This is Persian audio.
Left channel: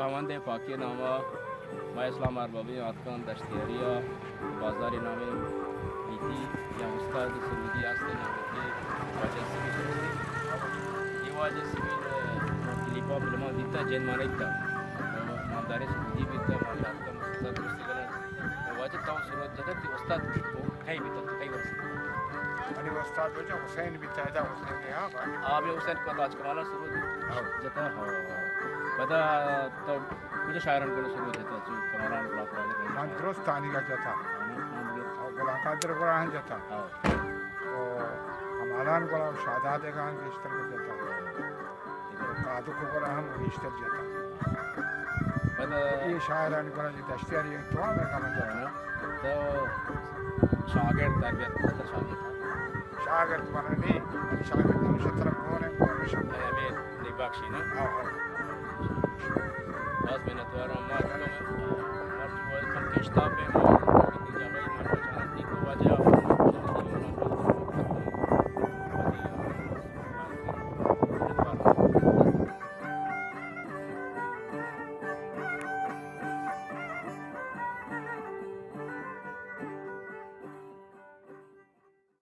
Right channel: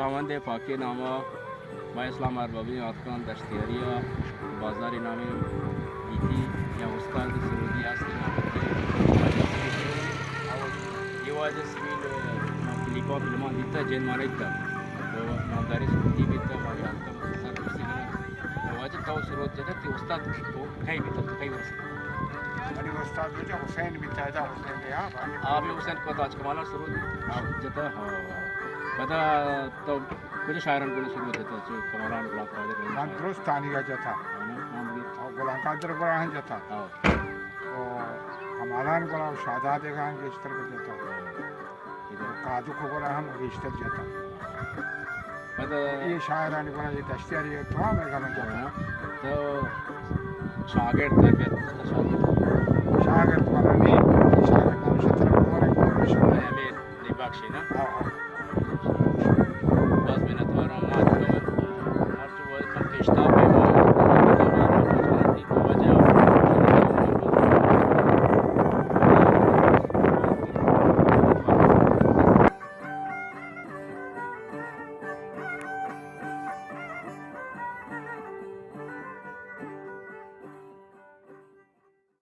همانده پاکی نامه ما اسلام اربابی آتکان دشتیاری بازاری نامه بیتی یا استاد سروزی هستی نامه که یه واجه سبیل کلیپا فیلمان دیتا جن مانید تا مانداری سروزی بیتا ماشاءالله مخصوصا دوستی کنن واجه تاو سروز جدا تی استاد کئی بیتا کئی ورسی आणि استاد बेटा हुसैन भी ताजा हुसैन ने यहाँ पर आबे हुसैन को आज कमाला शुरू जता हाँ बता तो कुछ शायरन को शुरू जता जो कमाला ब्लॉक वाले मान रोस्तानी का जता और गुलाम कादर को रहन जता तो कमाला को शादात खान के इस तरह जता इधर कादू को रहन रिश्ते जता बता ये शायरान को ये दश्तियारी तो हमें करना जता तो शागिर्द तरबियत शागिर्द शागिर्द नाम शतर को रहे हमें निबाक्षी ना